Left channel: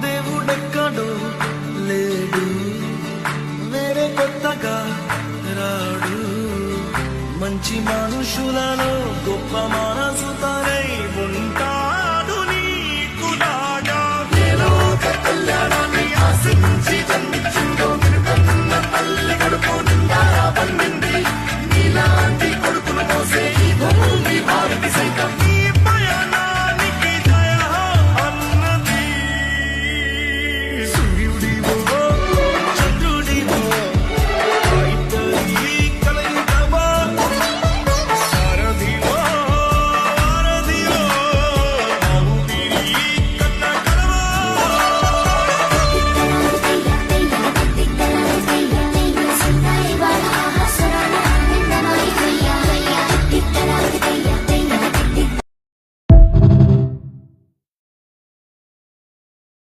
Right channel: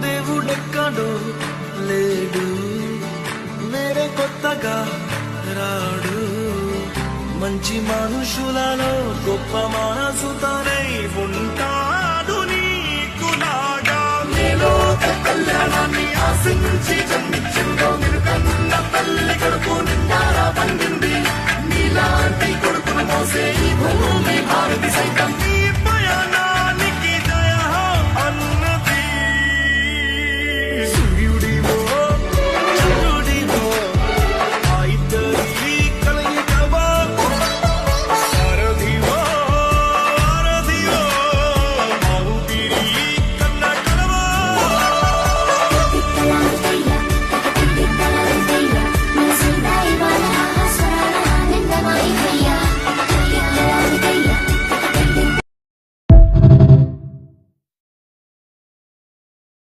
దేవుడెక్కడు లేడు, వేరే కొత్తగా రాడు. మంచి మనుషులలో గొప్ప మనసు తనై ఉంటా.